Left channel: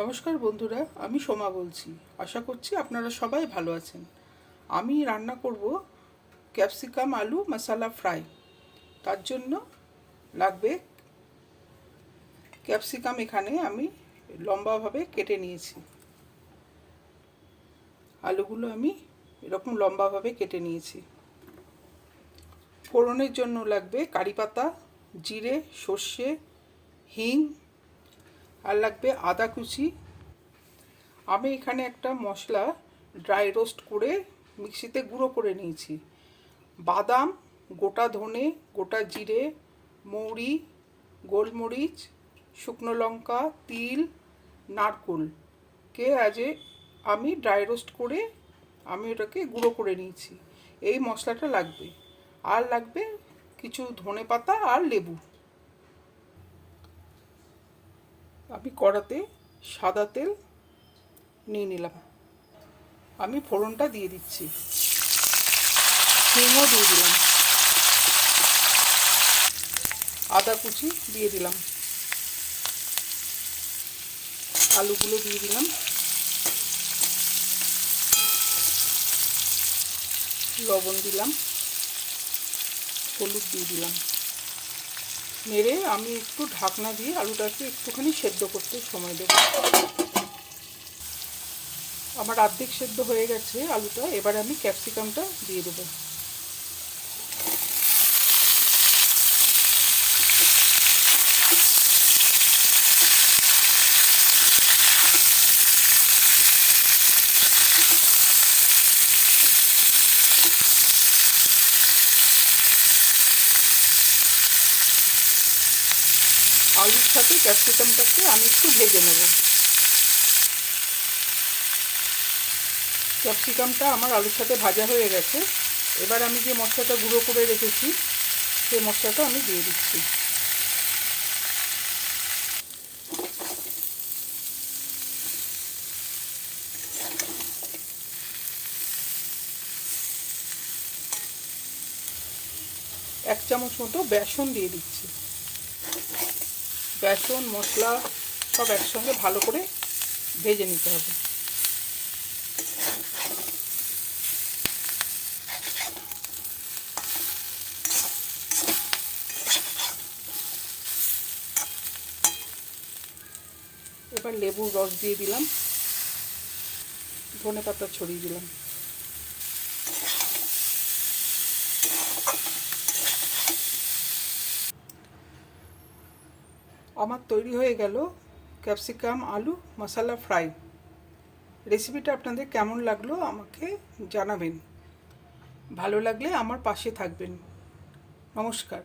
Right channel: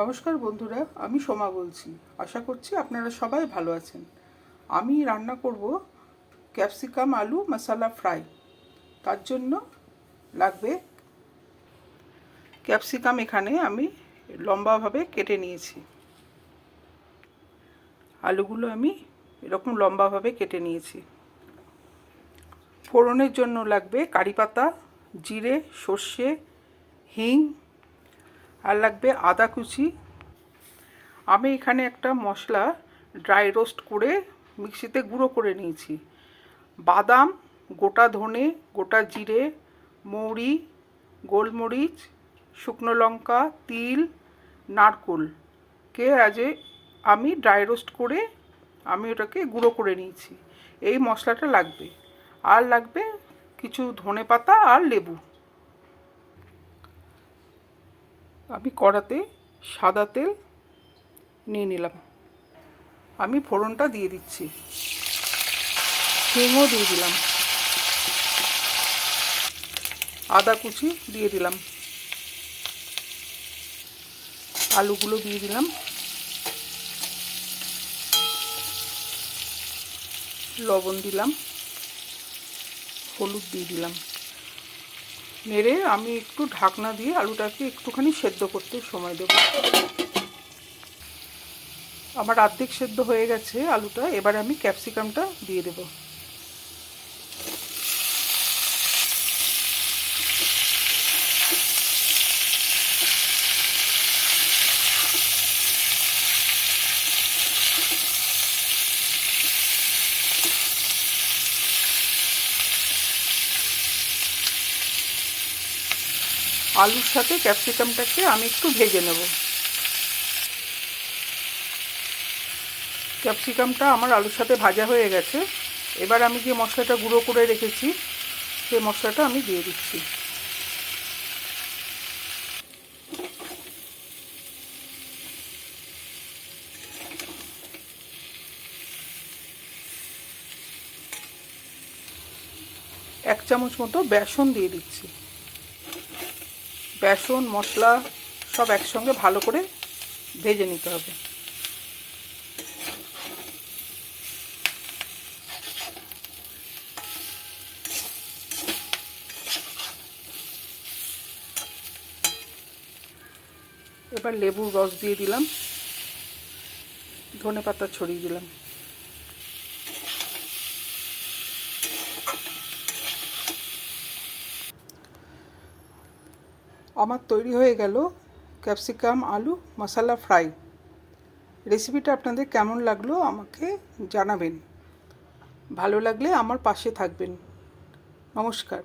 নমস্কার বন্ধুরা, আমি সোমা বলছি। আশা করছি আপনারা সবাই ভালো আছেন। আমি রান্না করব ক্যাপসিকাম আলু মশলা ফ্রাই। তার জন্য লাগবে ক্যাপসিকাম। এখানে আমি লম্বাভাবে কেটে নিয়েছি। আলুগুলো আমি এরকম লম্বাভাবে কেটে নিয়েছি। ফোড়নের জন্য লাগবে কারি পাতা, জিরে, সর্ষে, হিং, আর লাগবে আদা কুচি। আমি এখানে একটা মশলা ড্রাই রোস্ট করে মিক্সিতে গুঁড়ো করে নিয়েছি। বাদাম, গোটা ধনে, গোটা জিরে, মৌরি, গোলমরিচ, শুকনো লঙ্কা, তিল, নারকেলকে আমি ড্রাই রোস্ট করে আমি ওটাকে গুঁড়ো করে নিয়েছি। এই মশলাটা লাগবে। আর লাগবে কিছু ধনে পাতা আর লেবু। আমি কড়াতে সাদা তেল নিয়ে নিলাম। আমি ফোড়নটা দিয়ে দিচ্ছি। হিংও দিয়ে দিলাম। আদা কুচি দিয়ে দিলাম। আলুগুলো দিয়ে দিলাম। লবণ দিলাম। হলুদ দিয়ে দিলাম। নেড়ে আমি একটু ঢাকনা দিয়ে আলুটাকে একটুখানি সেদ্ধ করতে সময় দেব। আমার অর্ধেক সেদ্ধ হয়ে গেছে আলুটা। এবার আমি ক্যাপসিকামটা দিয়ে দেব। আলুর সাথে ক্যাপসিকামটাকে আমি একটু ভেজে নেব। ক্যাপসিকামটা আমার আলুর সাথে ভাজা হয়ে গেছে। এবার আমি যে মশলাটা গুঁড়ো করে রেখেছি সেই মশলাটা আমি দিয়ে দিচ্ছি। এক চামচ মতো বেসন দিয়ে দিচ্ছি। বেসন মশলা সব একসঙ্গে ভালো করে ভেজে নিতে হবে। এবার লেবুর রস দিয়ে দিলাম। ধনে পাতা ছড়িয়ে দিলাম। আমার তৈরি হয়ে গেল ক্যাপসিকাম আলু মশলা ফ্রাই। রেসিপিটা আপনাদের কেমন লাগলো আমাকে জানাবেন। ভালো লাগলে আমার পাশে থাকবেন। নমস্কার।